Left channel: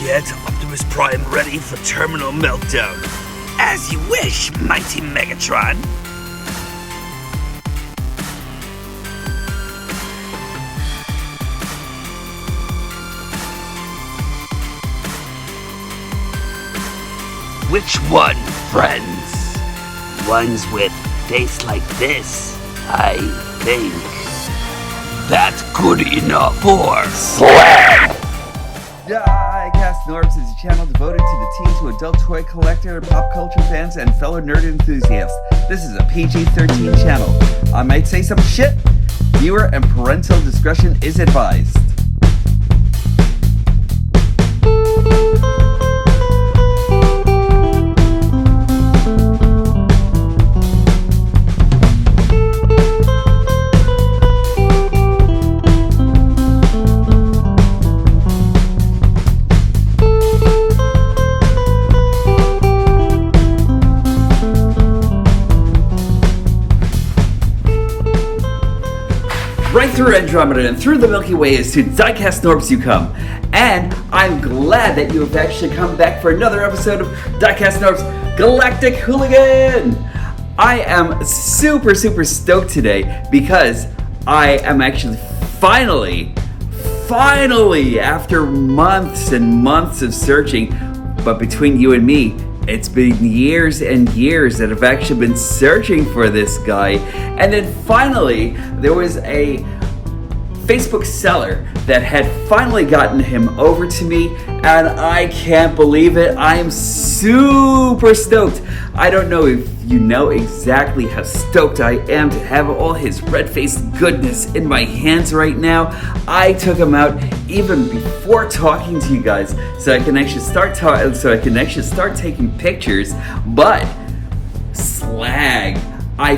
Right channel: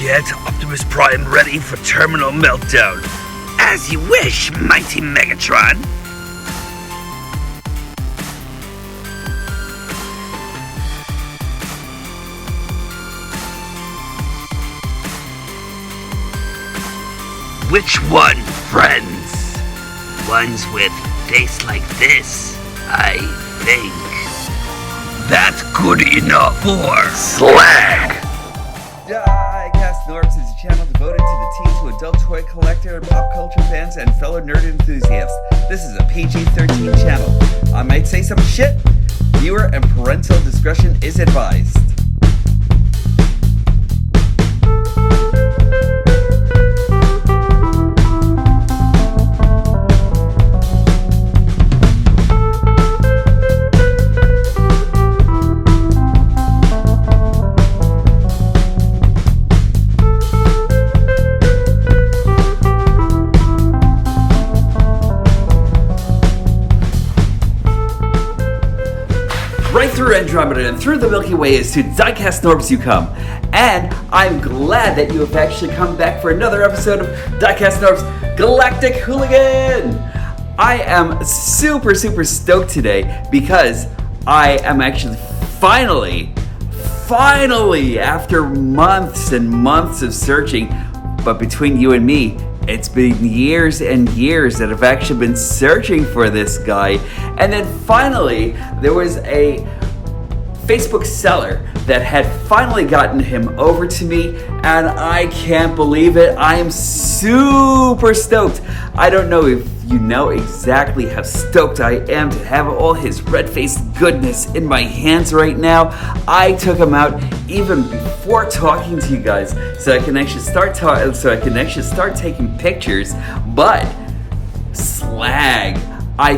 Get Optimus Prime ready for terminal meltdown. As you wish, mighty Megatron. Which one, friends? Ones with face like this, I think. That's good enough for Slag. Diecast Norbs is a channel devoted to the teen to adult toy collector, pop culture fans, and fellow nerd enthusiasts. This is a PG-13 channel. I might say some shit. Viewer and parental discretion is advised. Right through Andromeda and through the Milky Way is to Diecast Norbs you come. And I'm glad that you have actually come back for another episode of Diecast Norbs Galactic Hooligan! I am super stoked today because I am actually finally, after months and months of searching, but between you and me, it's been years and years that I've actually been searching for this guy. And then finally, there was a Facebook seller that had finally gotten him over to me, and I can't believe it. I am super stoked. I don't know if you know exactly how stoked I am to have all his red-faced goodness in my hands right now. I took him out even before talking to you guys, so I can actually start taking pictures. But Slag, I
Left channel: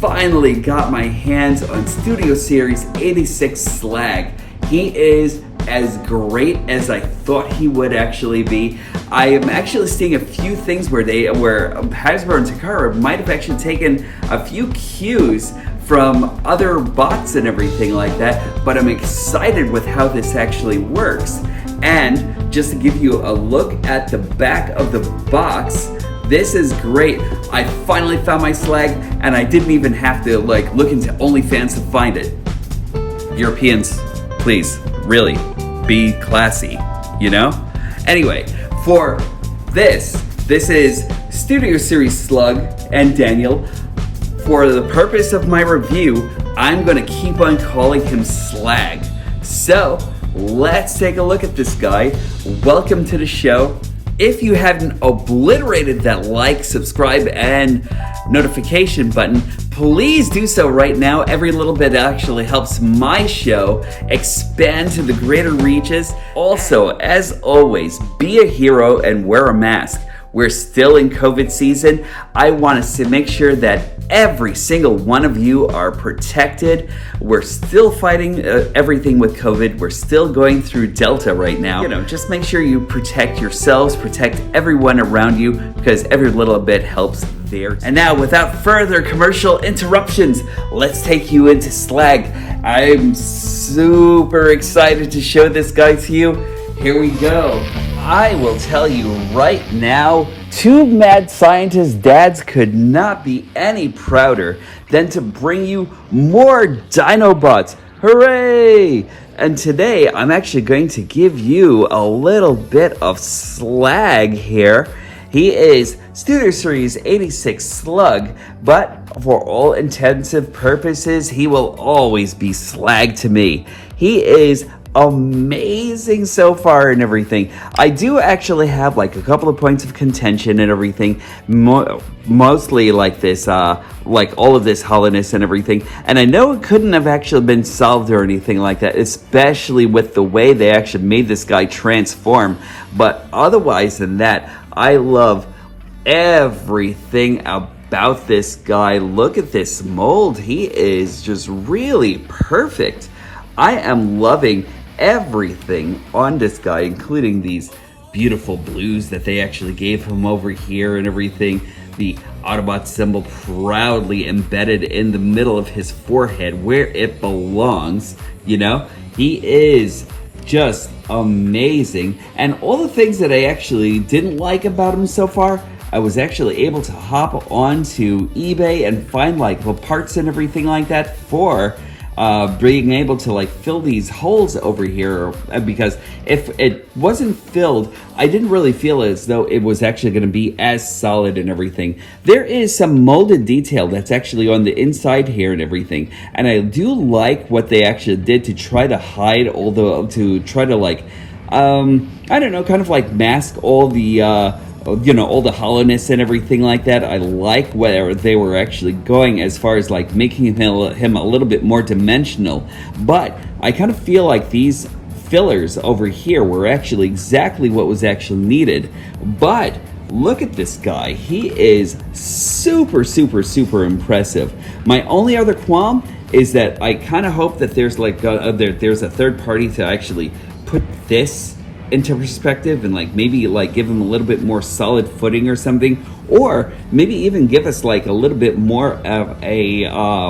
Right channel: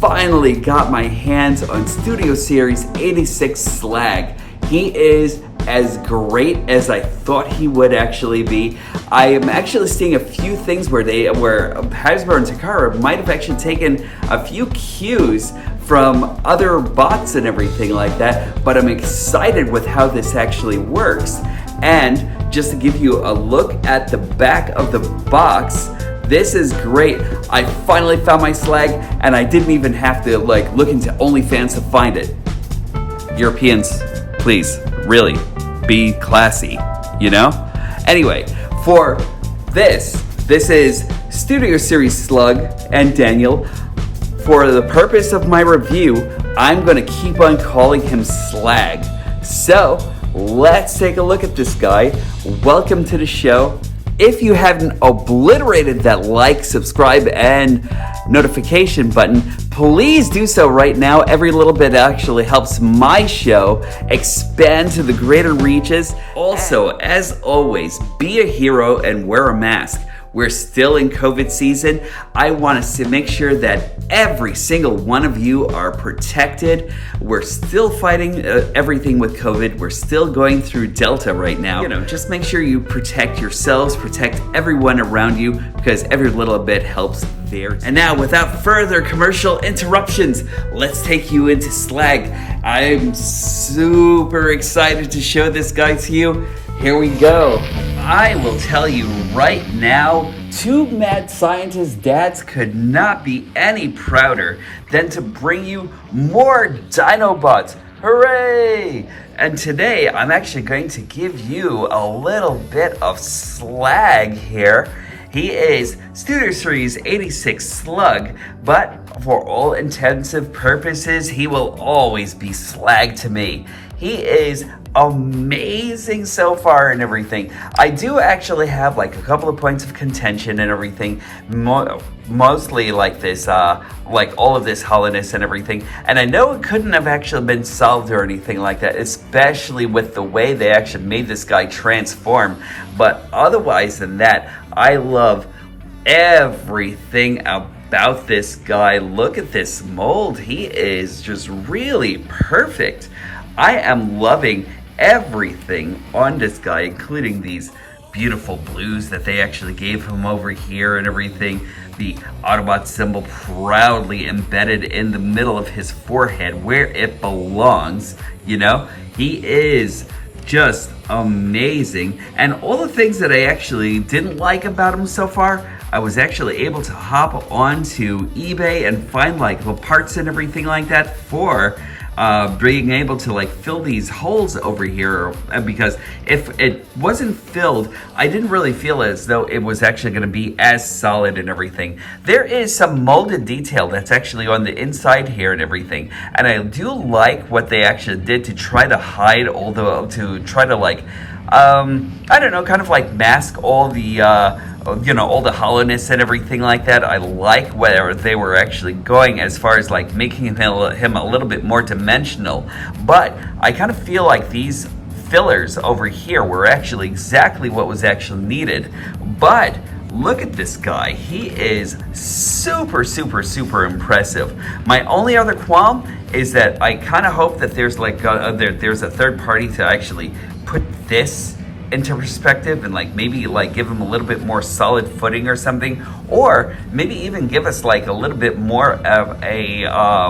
finally got my hands on Studio Series 86 Slag. He is as great as I thought he would actually be. I am actually seeing a few things where Hasbro and Takara might have actually taken a few cues from other bots and everything like that, but I'm excited with how this actually works. And just to give you a look at the back of the box, this is great. I finally found my Slag, and I didn't even have to look into OnlyFans to find it. Europeans, please, really, be classy, you know? Anyway, for this is Studio Series Slug and Daniel. For the purpose of my review, I'm gonna keep on calling him Slag. So, let's take a look at this guy. Welcome to the show. If you haven't obliterated that like, subscribe, and notification button, please do so right now. Every little bit actually helps my show expand to the greater reaches. Also, as always, be a hero and wear a mask. We're still in COVID season. I want to make sure that every single one of you are protected. We're still fighting everything with COVID. We're still going through Delta right now. Just make sure you protect yourselves, protect everyone around you, because every little bit helps there. And now, without further commercial interruptions, let's take you into Slag. I'm super excited to show this guy to you. Here we go. I will tell you right now, two mad scientist dads could not be any prouder than to bring you more Dinobots. Hooray! And today I'm actually going to give you a little bit of Slag here. He is Studio Series 86 Slug, but for all intensive purposes, he will always be Slag to me. He is amazing so far and everything. I do actually have a couple of points of contention and everything, mostly like this, all of this hollowness and everything, and I know it couldn't have actually been solved or anything like that, especially with the way they actually made this guy transform. But otherwise than that, I love everything about this guy. Look at this mold. He is just really perfect. I am loving everything on this guy, including these beautiful blues that they actually gave him over here and everything. The Autobot symbol proudly embedded in the middle of his forehead where it belongs. He is just amazing. And all the things that I actually didn't like about him so far, I was actually able to hop onto eBay and find like the parts and everything like that for being able to like fill these holes over here, because if it wasn't filled, I didn't really feel as though it was actually going to be as solid and everything. There is some molded detail that's actually on the inside here and everything, and I do like what they actually did to try to hide all the, to try to like I don't know, kind of like mask all the all the hollowness and everything like that. I like where they were actually going as far as like making him a little bit more dimensional, but I kind of feel like these fillers over here were actually exactly what was actually needed. But look at this guy, he is super impressive. My only other qualm is that I kind of hope that there's like there's a third party to actually put this into perspective and like maybe like give him a little bit more solid footing or something, or maybe even give us like a little bit more of a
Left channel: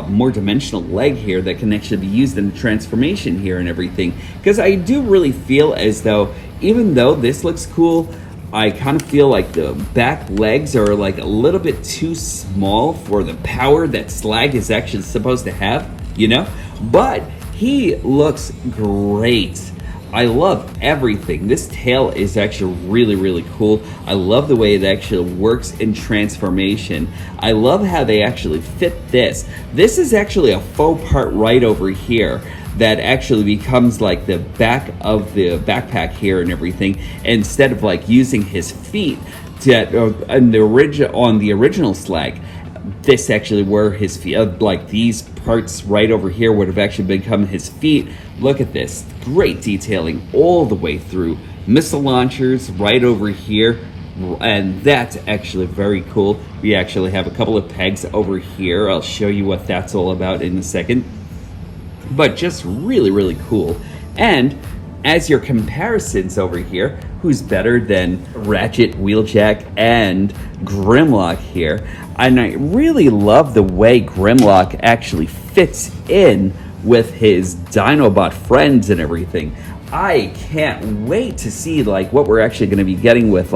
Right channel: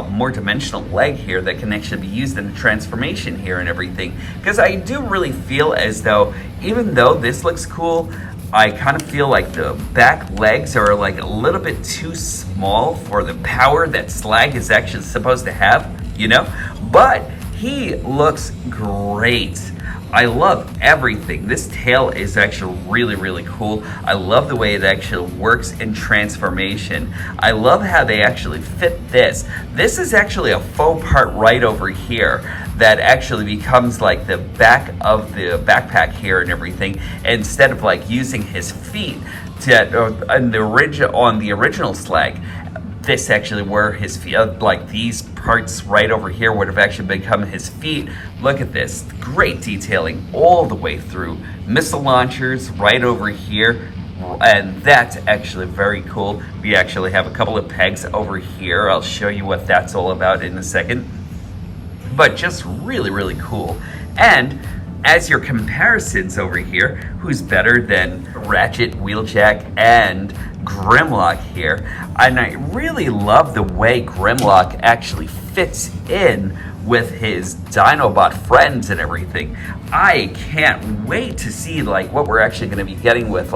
more dimensional leg here that can actually be used in the transformation here and everything. Because I do really feel as though, even though this looks cool, I kind of feel like the back legs are like a little bit too small for the power that Slag is actually supposed to have, you know? But he looks great. I love everything. This tail is actually really cool. I love the way it actually works in transformation. I love how they actually fit this. This is actually a faux part right over here that actually becomes like the back of the backpack here and everything, instead of like using his feet to, on the original Slag. This actually were his feet, like these parts right over here would have actually become his feet. Look at this, great detailing all the way through. Missile launchers right over here, and that's actually very cool. We actually have a couple of pegs over here. I'll show you what that's all about in a second. But just really cool. And as your comparisons over here, who's better than Ratchet, Wheeljack, and Grimlock here? And I really love the way Grimlock actually fits in with his Dinobot friends and everything. I can't wait to see like what we're actually going to be getting with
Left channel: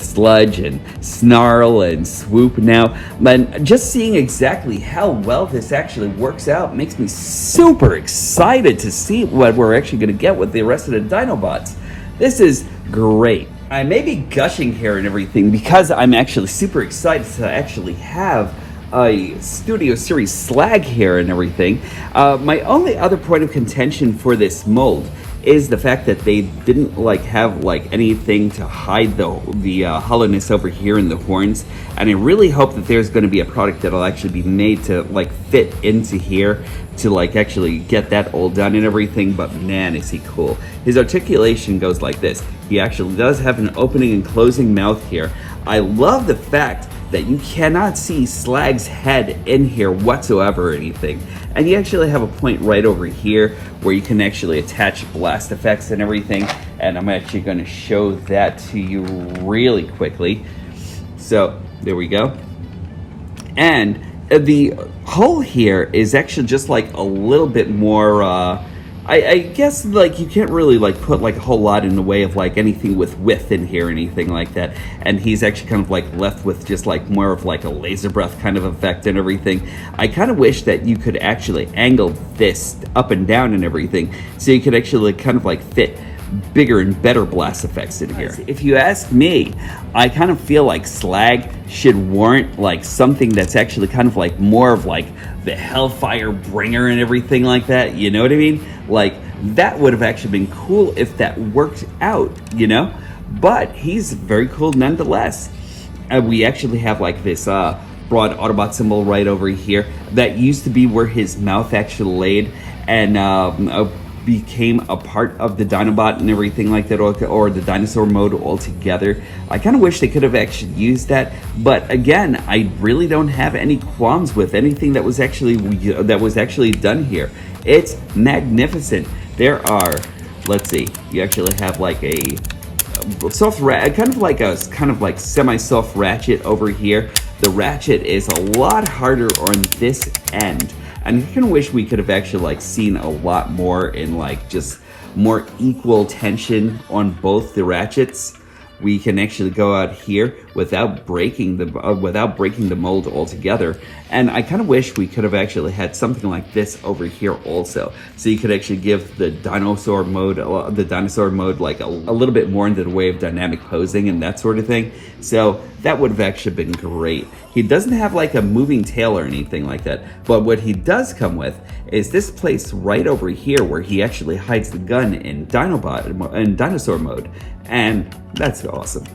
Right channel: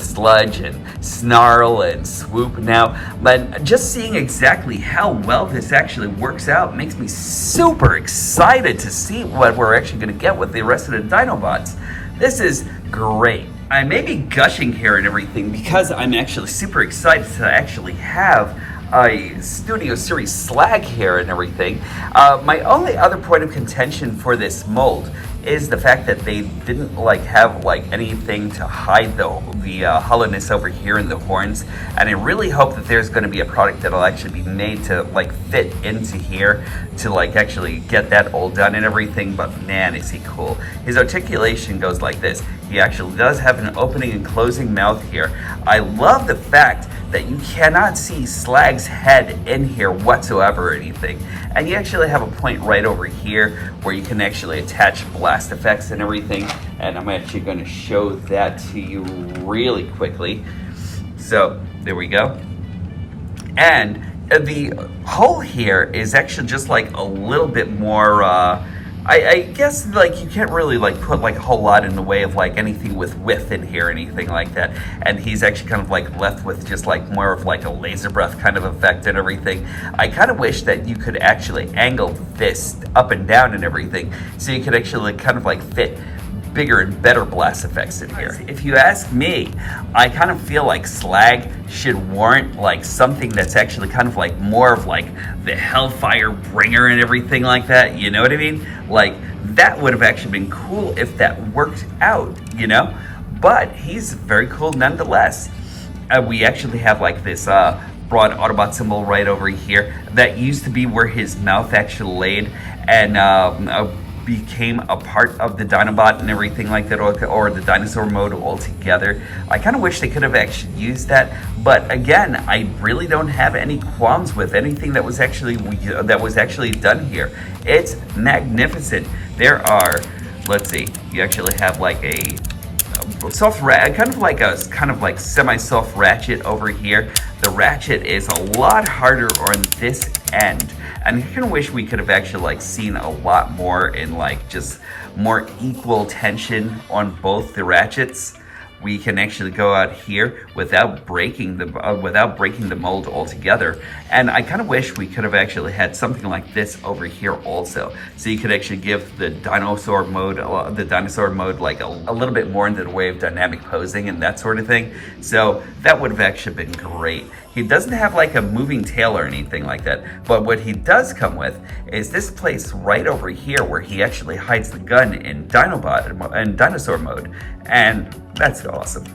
Sludge and Snarl and Swoop now. But just seeing exactly how well this actually works out makes me super excited to see what we're actually going to get with the rest of the Dinobots. This is great. I may be gushing here and everything because I'm actually super excited to actually have a Studio Series Slag here and everything. My only other point of contention for this mold is the fact that they didn't like have like anything to hide the hollowness over here in the horns, and I really hope that there's going to be a product that'll actually be made to like fit into here to like actually get that all done and everything. But man, is he cool. His articulation goes like this. He actually does have an opening and closing mouth here. I love the fact that you cannot see Slag's head in here whatsoever or anything. And you actually have a point right over here where you can actually attach blast effects and everything. And I'm actually going to show that to you really quickly. So there we go. And the hole here is actually just like a little bit more I guess like you can't really like put like a whole lot in the way of like anything with width in here or anything like that. And he's actually kind of like left with just like more of like a laser breath kind of effect and everything. I kind of wish that you could actually angle this up and down and everything so you could actually like kind of like fit bigger and better blast effects in here. If you ask me, I kind of feel like Slag should warrant like something that's actually kind of like more of like the hellfire bringer and everything like that, you know what I mean? Like that would have actually been cool if that worked out, you know? But he's very cool nonetheless. We actually have like this broad Autobot symbol right over here that used to be where his mouth actually laid, and became a part of the Dinobot and everything like that, or the dinosaur mode altogether. I kind of wish they could have actually used that, but again, I really don't have any qualms with anything that was actually done here. It's magnificent. There are, let's see, you actually have like a soft kind of like semi-soft ratchet over here. The ratchet is a lot harder on this end. And I kind of wish we could have actually like seen a lot more in like just more equal tension on both the ratchets. We can actually go out here without breaking the mold altogether. And I kind of wish we could have actually had something like this over here also, so you could actually give the dinosaur mode like a little bit more into the way of dynamic posing and that sort of thing. So that would have actually been great. He doesn't have like a moving tail or anything like that, but what he does come with is this place right over here where he actually hides the gun in Dinobot and dinosaur mode, and that's awesome.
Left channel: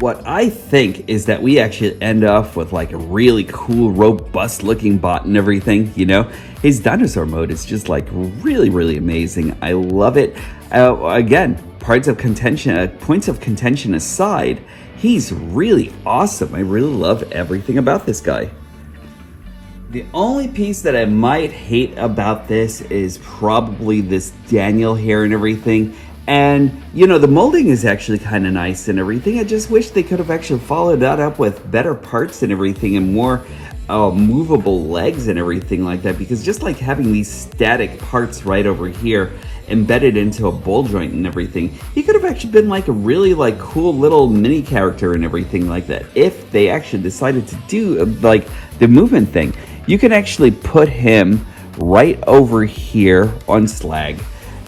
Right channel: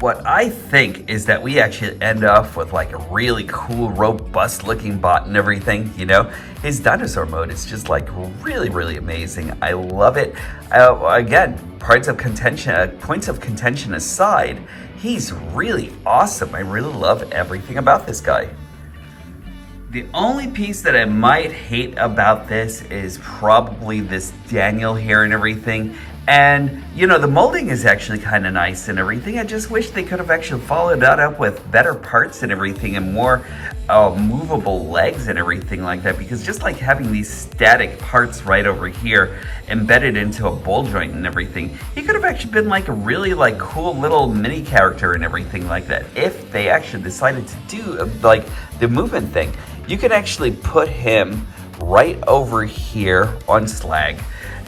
What I think is that we actually end up with like a really cool, robust looking bot and everything, you know? His dinosaur mode is just like really, really amazing. I love it. Again, points of contention aside, he's really awesome. I really love everything about this guy. The only piece that I might hate about this is probably this Daniel here and everything. And, you know, the molding is actually kind of nice and everything. I just wish they could have actually followed that up with better parts and everything and more movable legs and everything like that. Because just like having these static parts right over here embedded into a ball joint and everything, he could have actually been like a really like cool little mini character and everything like that. If they actually decided to do like the movement thing, you can actually put him right over here on Slag.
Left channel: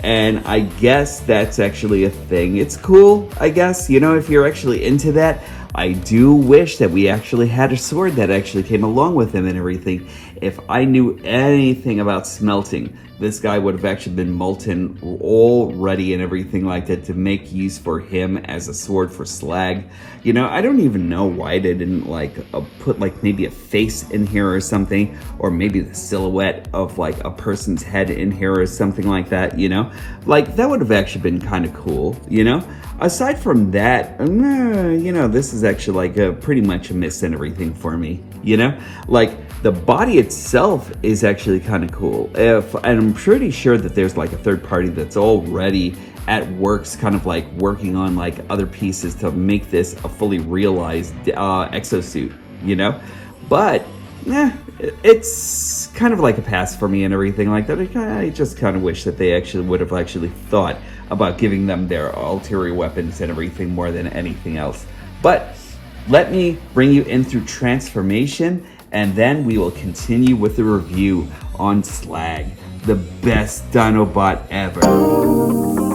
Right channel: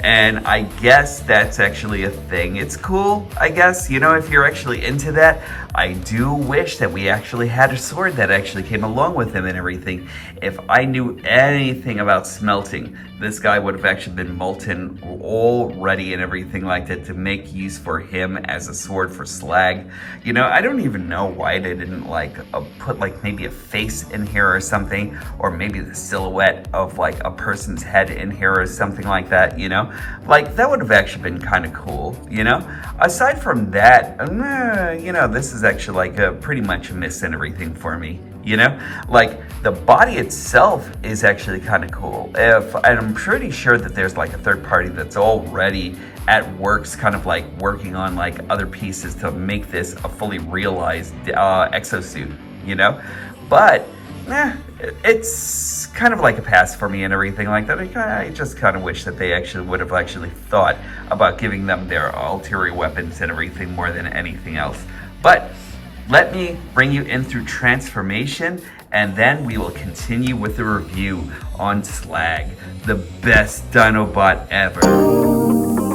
And I guess that's actually a thing. It's cool, I guess, you know, if you're actually into that. I do wish that we actually had a sword that actually came along with him and everything. If I knew anything about smelting, this guy would have actually been molten already and everything like that to make use for him as a sword for Slag. You know, I don't even know why they didn't like put like maybe a face in here or something, or maybe the silhouette of like a person's head in here or something like that, you know? Like that would have actually been kind of cool, you know? Aside from that, you know, this is actually like a pretty much a miss and everything for me, you know? Like the body itself is actually kind of cool. And I'm pretty sure that there's like a third party that's already at works kind of like working on like other pieces to make this a fully realized exosuit, you know? But it's kind of like a pass for me and everything like that. I just kind of wish that they actually would have actually thought about giving them their ulterior weapons and everything more than anything else. But let me bring you in through transformation, and then we will continue with the review on Slag, the best Dinobot ever.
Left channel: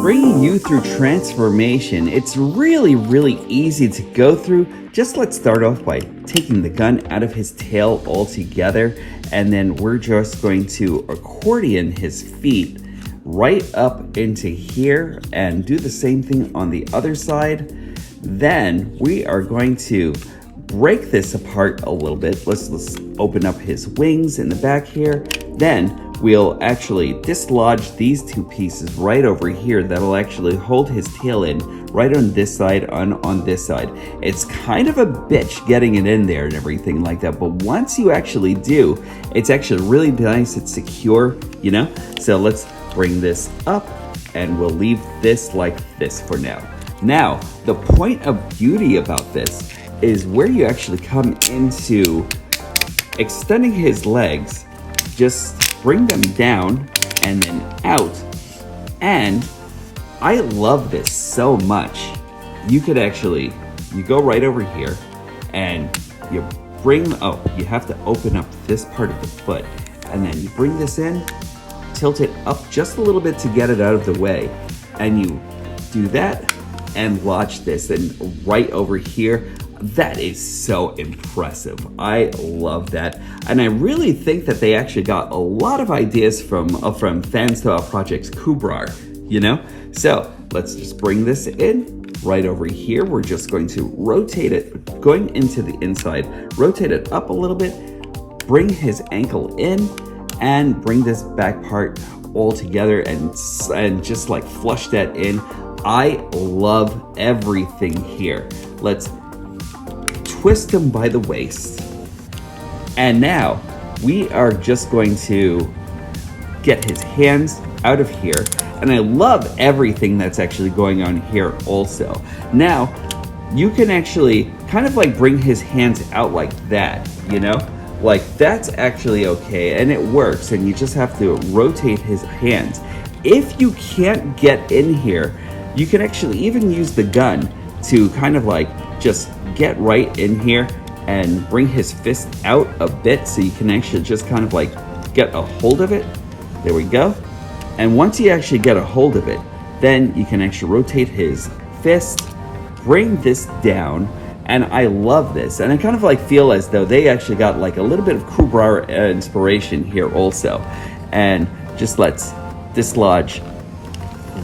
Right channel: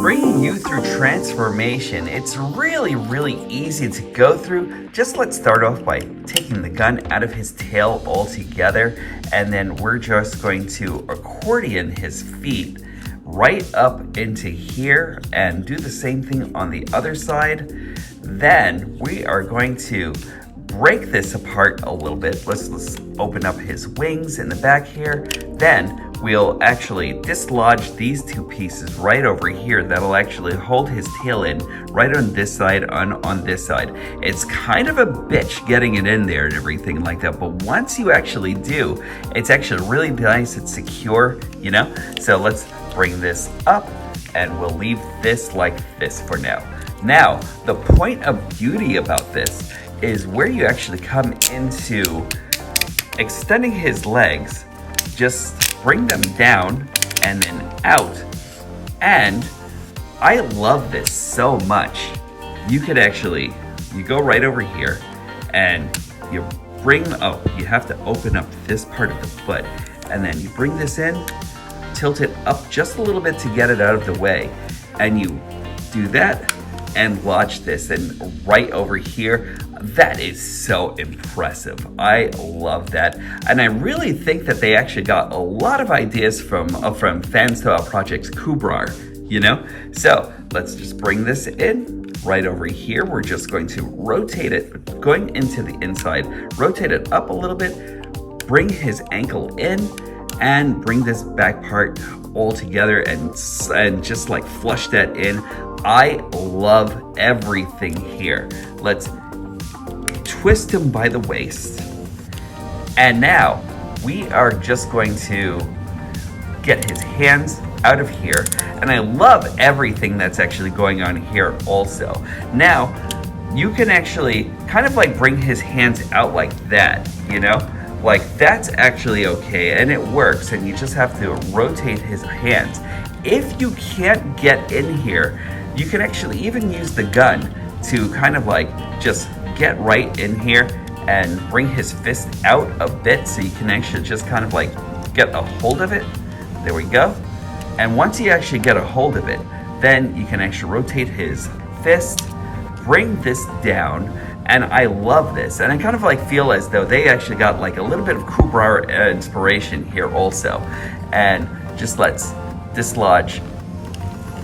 Bringing you through transformation, it's really, really easy to go through. Just let's start off by taking the gun out of his tail altogether, and then we're just going to accordion his feet right up into here and do the same thing on the other side. Then we are going to break this apart a little bit. Let's open up his wings in the back here. Then we'll actually dislodge these two pieces right over here that'll actually hold his tail in right on this side, on this side. It's kind of a bitch getting it in there and everything like that, but once you actually do, it's actually really nice, it's secure, you know? So let's bring this up and we'll leave this like this for now. Now, the point of beauty about this is where you actually come into extending his legs. Just bring them down and then out. And I love this so much. You could actually, you go right over here and you you have to open up this part of the foot, and then you bring this in, tilt it up just a little bit to get it out of the way, and you do that and watch this, and right over here, that is so impressive. I love that, and I really think that they actually got a lot of ideas from fans to Project Kubrar, you know? So let's just bring this in right over here. We're just going to rotate it, going into the inside, rotate it up a little bit, bring his ankle in, and bring this back part all together and just like flush that in. I love everything here. Let's twist him by the waist. And now we are just going to get his hands out of here. And I love everything that's actually going on here also. Now, you can actually kind of like bring his hands out like that, you know? like that's actually okay, and it works, and you just have to rotate his hands. If you can't get in here, you can actually even use the gun to kind of like just get right in here and bring his fist out a bit so you can actually just kind of like get a hold of it. There we go. And once you actually get a hold of it, then you can actually rotate his fist, bring this down, and I love this. And I kind of like feel as though they actually got like a little bit of Kubra inspiration here also. And just let's dislodge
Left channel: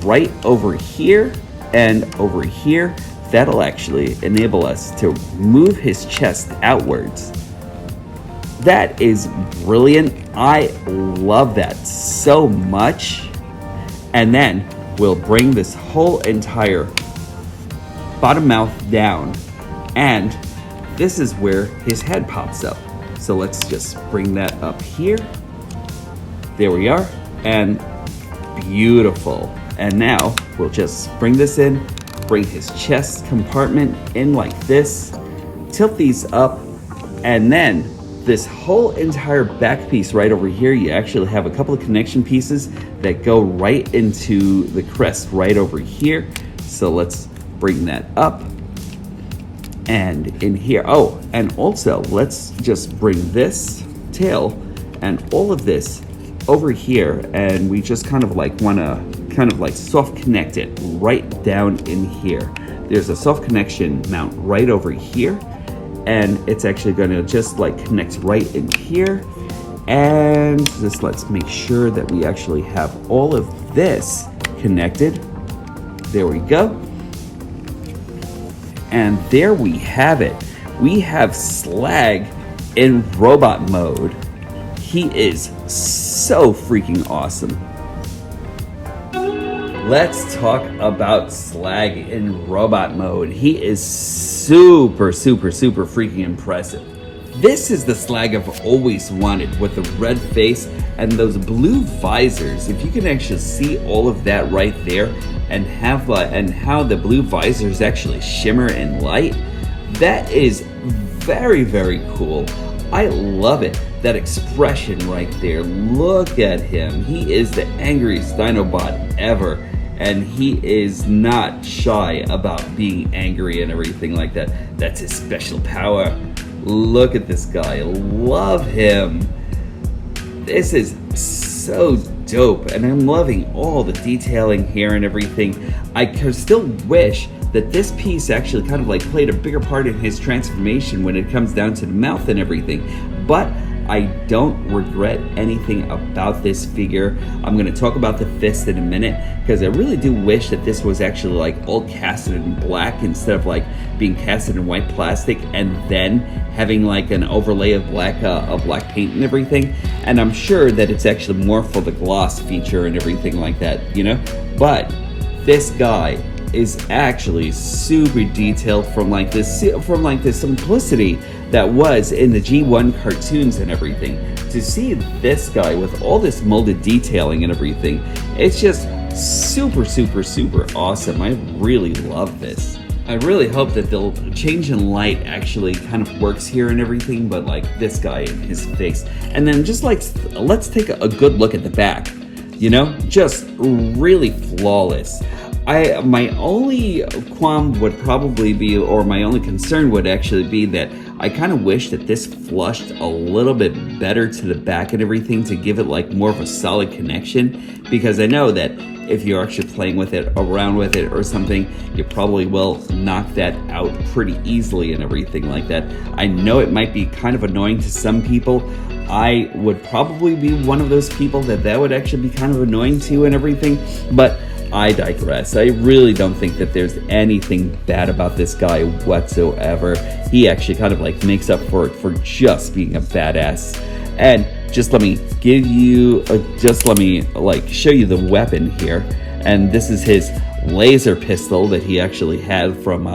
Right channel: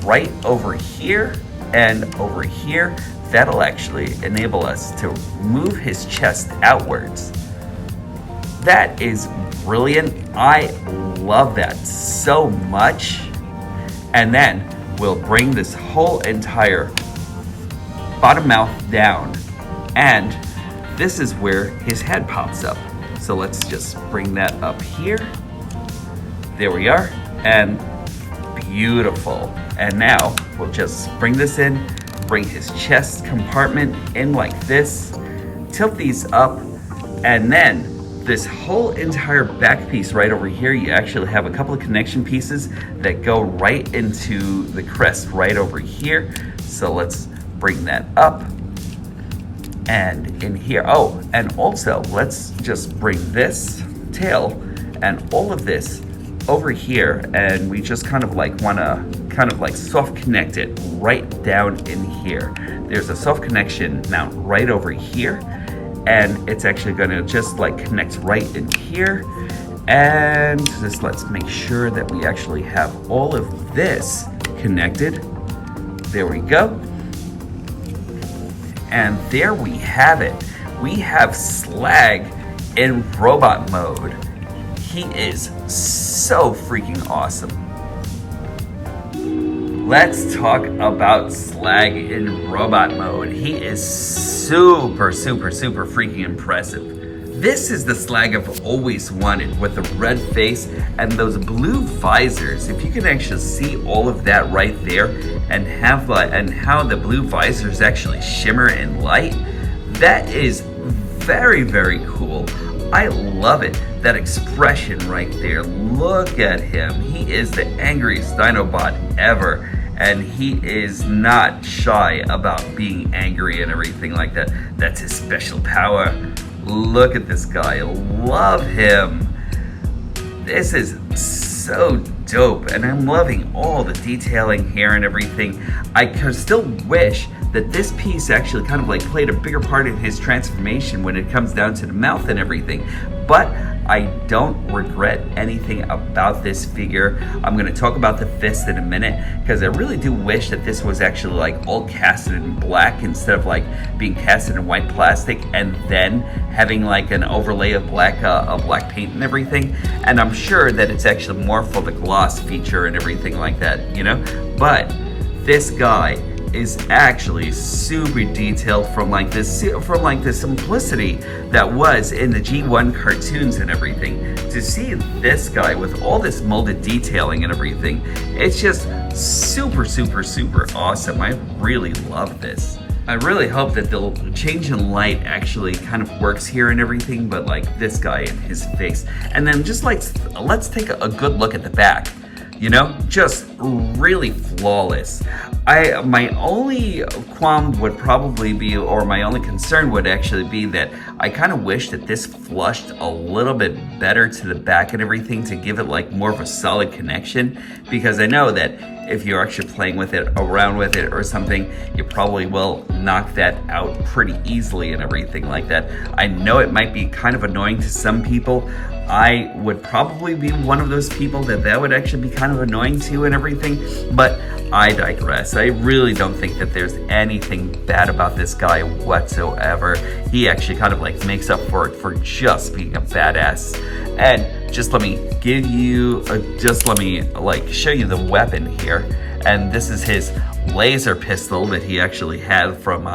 right over here and over here. That'll actually enable us to move his chest outwards. That is brilliant. I love that so much. And then we'll bring this whole entire bottom mouth down. And this is where his head pops up. So let's just bring that up here. There we are. And beautiful. And now we'll just bring this in, bring his chest compartment in like this, tilt these up, and then this whole entire back piece right over here, you actually have a couple of connection pieces that go right into the crest right over here. So let's bring that up and in here. Oh, and also let's just bring this tail and all of this over here, and we just kind of like want to kind of like soft connect it right down in here. There's a soft connection mount right over here, and it's actually going to just like connect right in here. And just let's make sure that we actually have all of this connected. There we go. And there we have it. We have Slag in robot mode. He is so freaking awesome. Let's talk about Slag in robot mode. He is super freaking impressive. This is the Slag I've always wanted, with the red face and those blue visors. If you can actually see all of that right there, and have and how the blue visors actually shimmer in light, that is very cool. I love it. That expression right there. Look at him. He is the angriest Dinobot ever. And he is not shy about being angry and everything like that. That's his special power. Look at this guy. Love him. This is so dope. And I'm loving all the detailing here and everything. I could still wish that this piece actually kind of like played a bigger part in his transformation when it comes down to the mouth and everything. But I don't regret anything about this figure. I'm going to talk about the fist in a minute, because I really do wish that this was actually like all casted in black instead of like being casted in white plastic and then having like an overlay of black paint and everything. And I'm sure that it's actually more for the gloss feature and everything like that, you know? But this guy is actually super detailed from like the simplicity that was in the G1 cartoons and everything. To see this guy with all this molded detailing and everything, it's just super awesome. I really love this. I really hope that the change in light actually kind of works here and everything, but like this guy and his face. And then just like, let's take a good look at the back. You know, just really flawless. My only qualm would probably be, or my only concern would actually be, that I kind of wish that this flushed a little bit better to the back and everything to give it like more of a solid connection, because I know that if you're actually playing with it, around with it or something, you probably will knock that out pretty easily and everything like that. I know it might be kind of annoying to some people. I would probably be one of those people that would actually be kind of annoying to and everything, but I digress. I really don't think that there's anything bad about this guy whatsoever. He actually kind of like makes up for it for just being a badass. And just let me give you, let me like show you the weapon here. And this is his laser pistol that he actually had from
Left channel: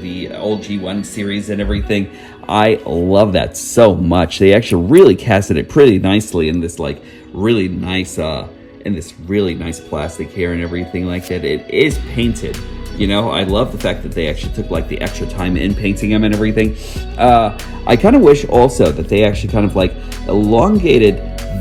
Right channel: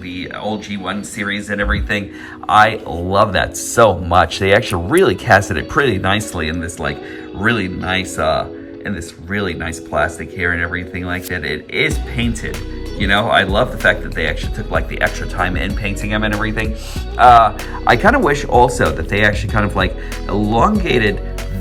the old G1 series and everything. I love that so much. They actually really casted it pretty nicely in this like really nice in this really nice plastic here and everything like that. It is painted. You know, I love the fact that they actually took like the extra time in painting him and everything. I kind of wish also that they actually kind of like elongated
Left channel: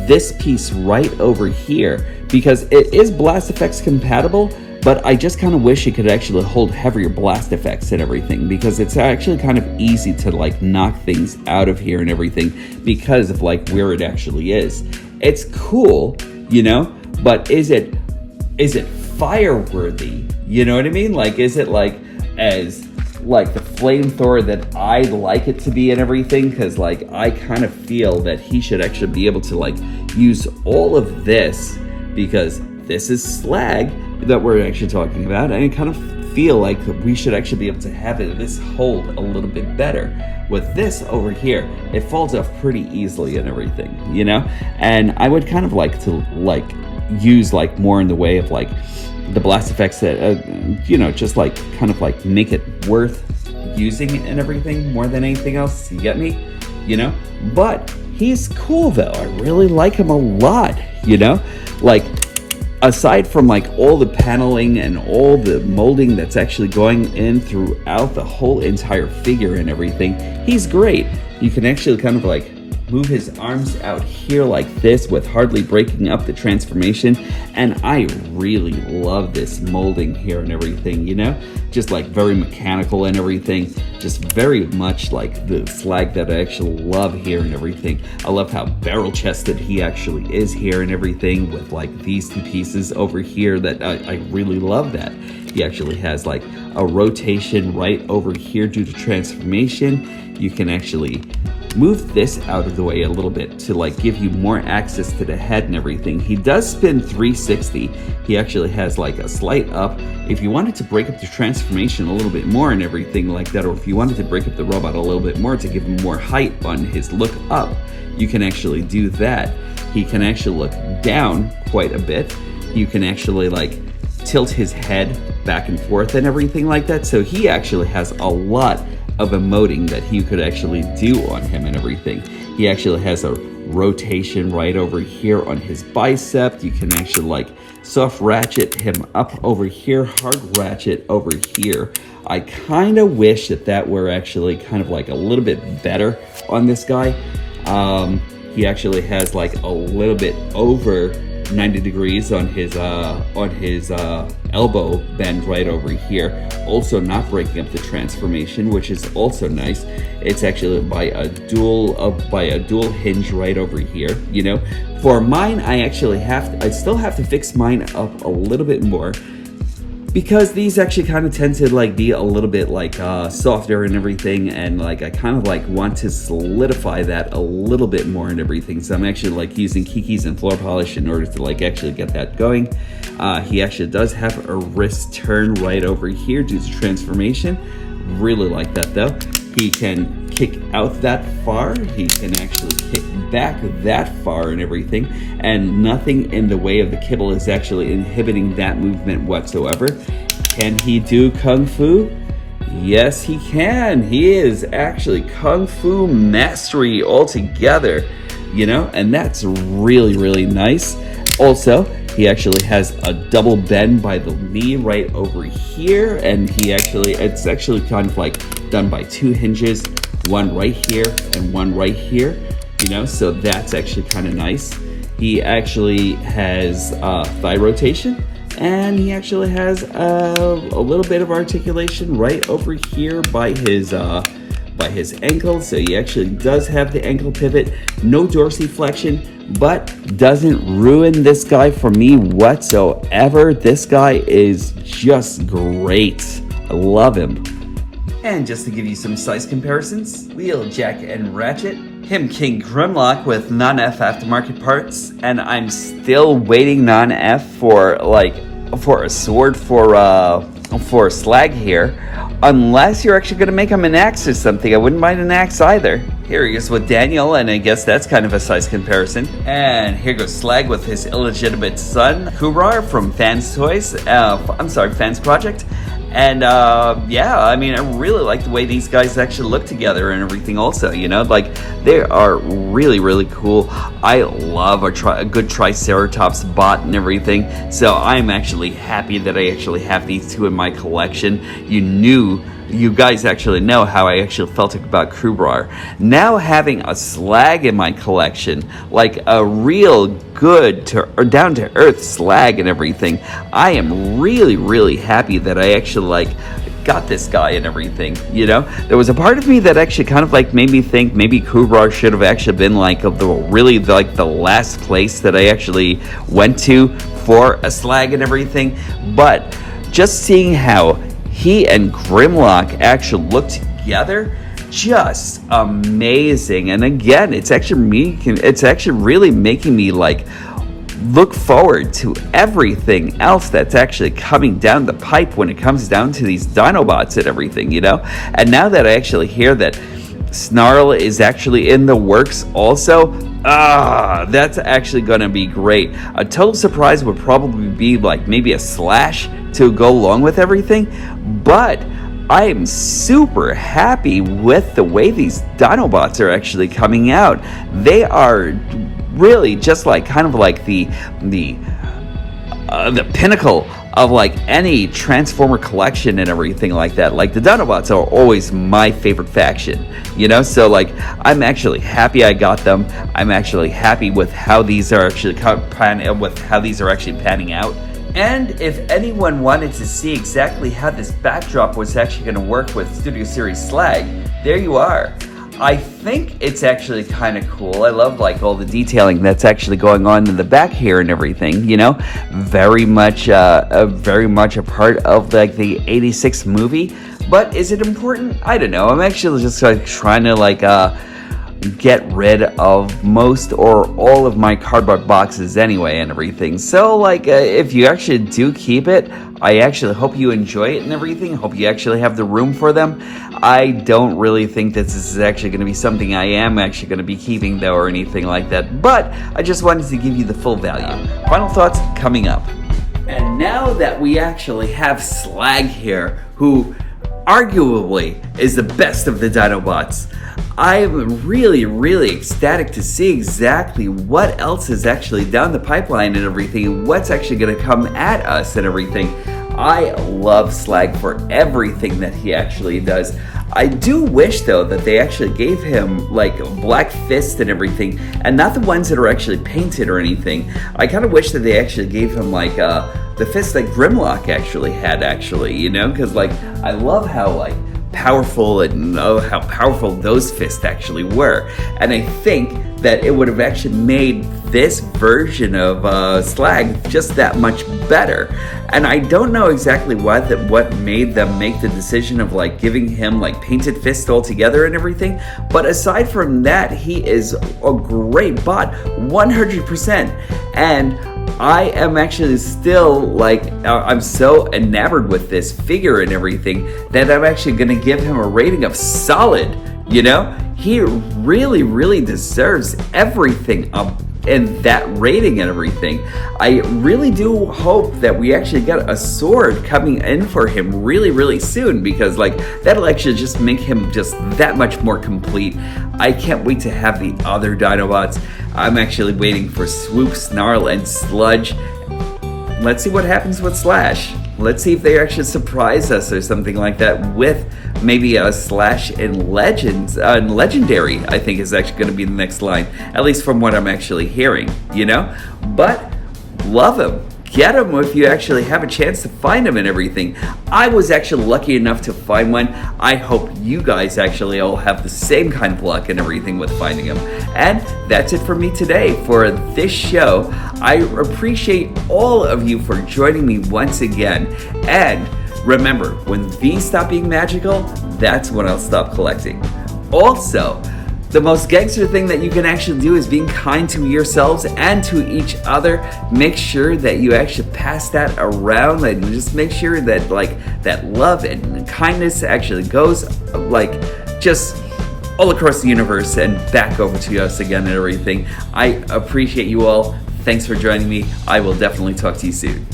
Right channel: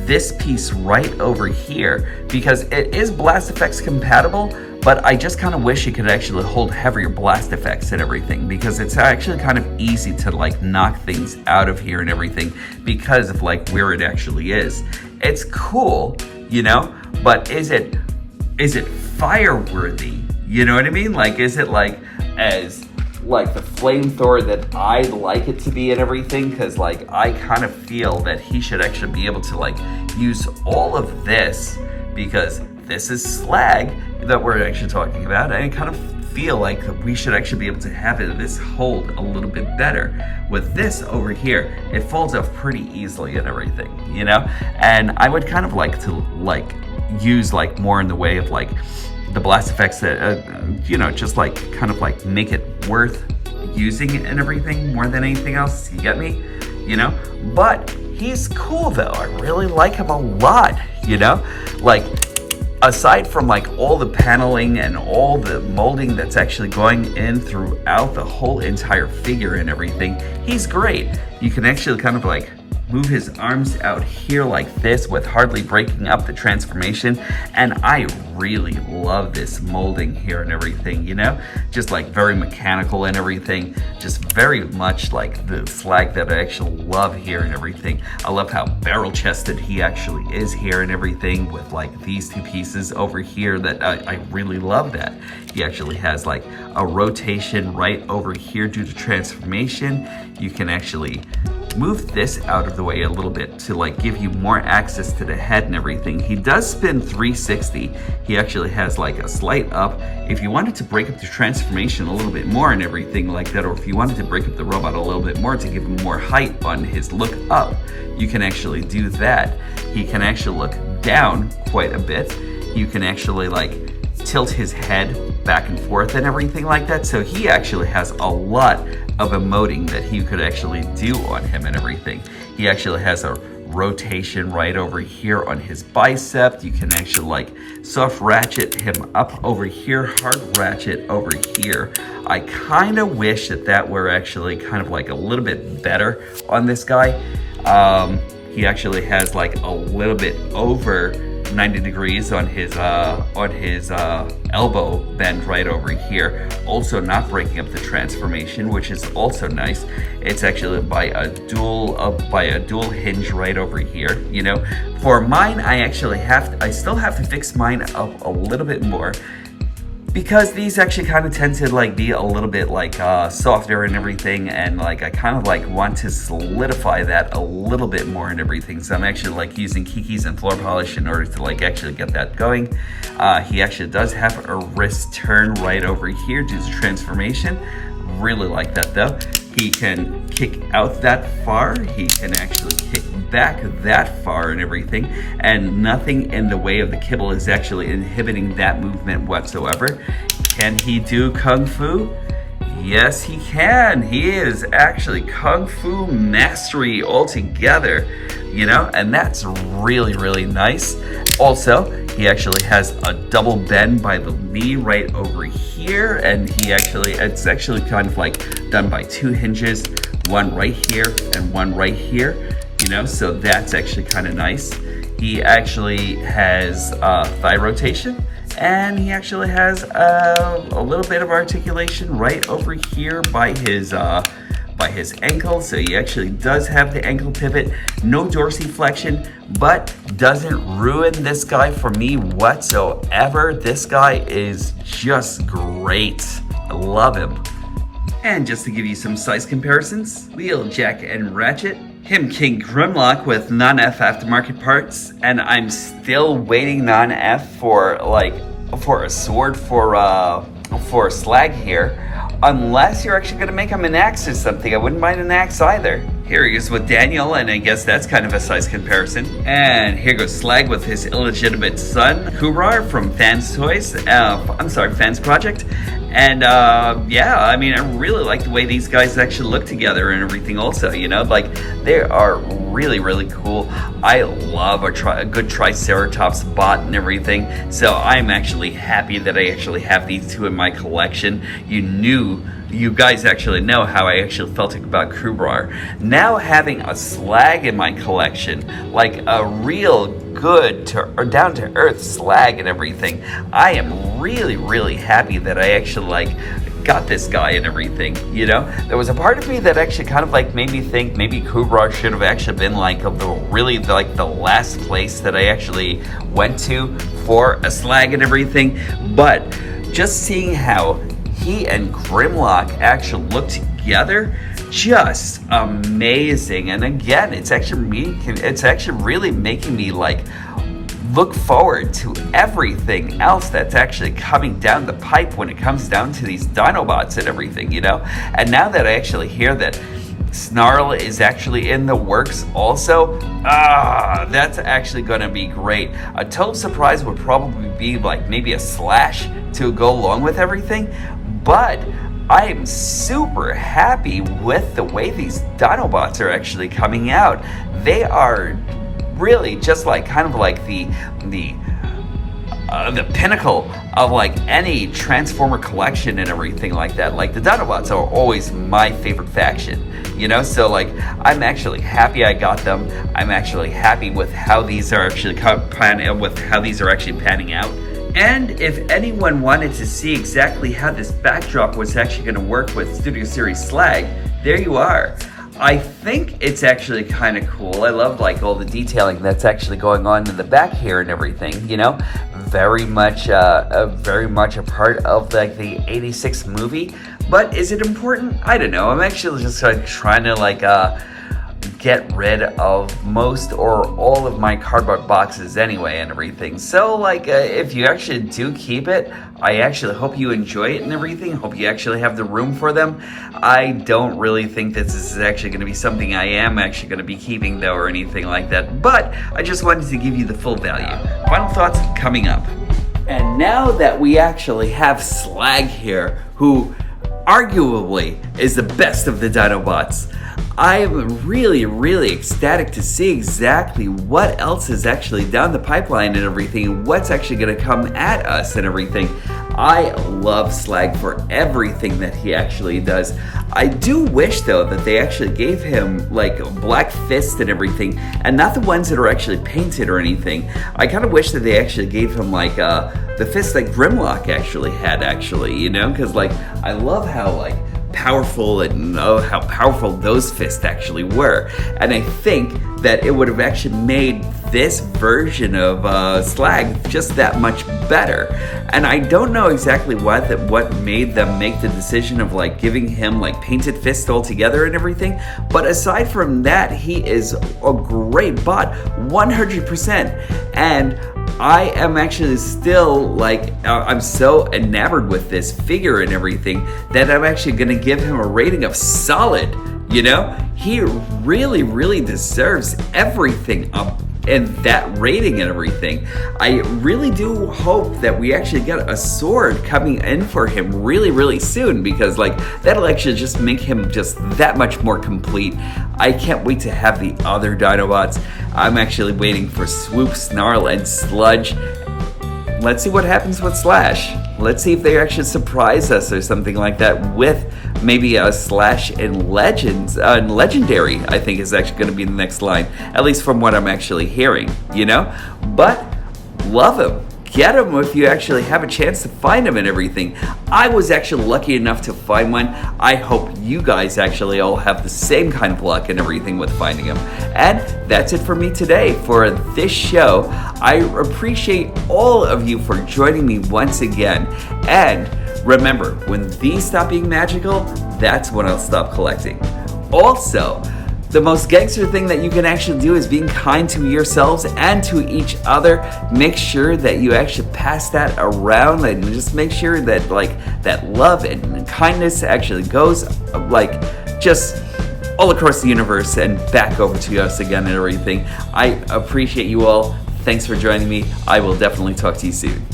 this piece right over here, because it is blast effects compatible, but I just kind of wish it could actually hold heavier blast effects and everything, because it's actually kind of easy to like knock things out of here and everything because of like where it actually is. It's cool, you know, but is it fire worthy? You know what I mean? Like, is it like as like the flamethrower that I like it to be and everything? Because like I kind of feel that he should actually be able to like use all of this, because this is Slag that we're actually talking about, and I kind of feel like we should actually be able to have this hold a little bit better. With this over here, it falls off pretty easily and everything, you know? And I would kind of like to like use like more in the way of like the blast effects that you know, just like kind of like make it worth using and everything more than anything else. You get me? You know? But he's cool though. I really like him a lot, you know? Like, aside from like all the paneling and all the molding that's actually going in throughout the whole entire figure and everything, he's great. You can actually kind of like move his arms out here like this with hardly breaking up the transformation, and I really love this molding here and everything, you know? Just like very mechanical and everything, just very much like the Slag that I actually love here and everything. I love how barrel chested he actually is here and everything, with like these two pieces over here that I really love that. He actually has like a rotation right over here due to transformation. You can actually move this out of the way a little bit to like give you more access to the head and everything. He does spin 360. He actually has like a slight up. If you wanted to break up the transformation a little bit more and everything like that, or if you wanted to break up the robot a little bit more to give him more height on his look up, you can actually do that. He can actually look down quite a bit. You can actually like tilt his head back and forth and everything like that. So he actually has a lot of emoting that he could actually do on him and everything. He actually has a rotation right over here on his bicep. You can actually like soft ratchet him up over here, hard ratchet over here. I kind of wish that were actually kind of like a little bit better on this guy. He actually has like a little bit over 90 degrees on his elbow bend right over here, also not breaking up the transformation, which is also nice. It's actually by a dual hinge right over here, you know. For mine, I still have to fix mine up a little bit more, because these actually kind of tend to like be a little bit like softer and everything, and like I kind of like want to solidify that a little bit more and everything. So I'm actually like using kikis and floor polish in order to like actually get that going. He actually does have a wrist turn right over here due to transformation. Really like that though. He can kick out that far. He can actually kick back that far and everything. And nothing in the way of the kibble is actually inhibiting that movement whatsoever. Can he do Kung Fu? Yes, he can. He is actually Kung Fu mastery altogether, you know, and that's really, really nice. Also, he actually has a double bend by the knee right over here, and it's actually kind of like done by two hinges, one right here and one right here, you know, so that's actually kind of nice. He actually has thigh rotation, and he actually has a little bit of articulation right over here by his ankle. So he actually does have the ankle pivot, no dorsiflexion, but doesn't ruin this guy for me whatsoever. This guy is just great. I love him. And just to give you some size comparisons, Wheel, Jack, and Ratchet, him King Grimlock with non-F aftermarket parts, and I'm still waiting non-F for a sword for for Slag here, unless you're actually going to make him an axe or something. I wouldn't mind an axe either. Here he is with Daniel, and I guess that's kind of a size comparison. And here goes Slag with his illegitimate son, Kubrar from Fans Toys. Fans Project. And yeah, I mean, I really like the way these guys actually look together and everything also, you know, like they are really, really cool. I love a good Triceratops bot and everything. So I'm actually happy that I actually have these two in my collection. You guys actually know how I actually felt about Kubrar. Now having a Slag in my collection, like a real good down to earth Slag and everything, I am really, really happy that I actually got this guy and everything. You know, there was a part of me that actually kind of made me think maybe Kubrar should have actually been the last place that I actually went to for a Slag and everything. But just seeing how he and Grimlock actually look together, just amazing. And again, it's actually really making me look forward to everything else that's actually coming down the pipe when it comes down to these Dinobots and everything, you know. And now that I actually hear that Snarl is actually in the works also, that's actually gonna be great. A total surprise would probably be maybe a Slash to go along with everything, but I am super happy with the way these Dinobots are actually coming out. They are really just the pinnacle of any Transformer collection and everything like that. The Dinobots are always my favorite faction, you know. So I'm actually happy I got them. I'm actually happy with how these are actually panning out. And if anyone wanted to see exactly how this backdrop was actually going to work with Studio Series Slag, there you are. I think it's actually kind of cool. I love all the detailing that's actually going on in the back here and everything, you know. Very much a part of the 86 movie. But is it important? I don't know. I'm actually just trying to get rid of most or all of my cardboard boxes anyway and everything. So if you actually do keep it, I actually hope you enjoy it and everything. Hope you actually have the room for them. I don't really think that this is actually going to be something I am actually going to be keeping though or anything like that, but I just wanted to give you the full value. Final thoughts coming up. And now that we actually have Slag here, who arguably is the best of the Dinobots, I am really, really ecstatic to see exactly what else is actually down the pipeline and everything, and what's actually going to come at us and everything. I love Slag for everything that he actually does. I do wish though that they actually gave him black fists and everything, and not the ones that are actually painted or anything. I kind of wish that they actually gave him the fists that Grimlock actually had, you know, because I love how powerful and how powerful those fists actually were. And I think that it would have actually made this version of Slag just that much better. And I don't know exactly what made them make the decision of giving him painted fists altogether and everything, but aside from that, he is a great bot 100%. And I am actually still I'm so enamored with this figure and everything that I'm actually going to give him a rating of solid, you know. He really, really deserves everything up in that rating and everything. I really do hope that we actually get a sword coming in for him really, really soon, because that'll actually just make him just that much more complete. I can't wait to have the other Dinobots. I'm actually waiting for Swoop, Snarl, and Sludge. Let's see what happens with Slash. Let's see if they actually surprise us or something like that with maybe a Slash in Legends, Legendary, I think is actually going to be the next line, at least from what I'm actually hearing, you know? But love him. Get him if you actually have a chance to find him and everything. I was actually lucky enough to find one. I hope you guys actually all have the same kind of luck and everything with finding him. And that's it for me today for this show. I appreciate all of you for joining me once again. And remember, when these stop being magical, that's when I'll stop collecting. Also, The most gangster thing that you can actually do is being kind to yourselves and to each other. Make sure that you actually pass that around, and just make sure that that love and kindness actually goes just all across the universe and back over to us again and everything. I appreciate you all. Thanks for joining me. I will definitely talk to you soon.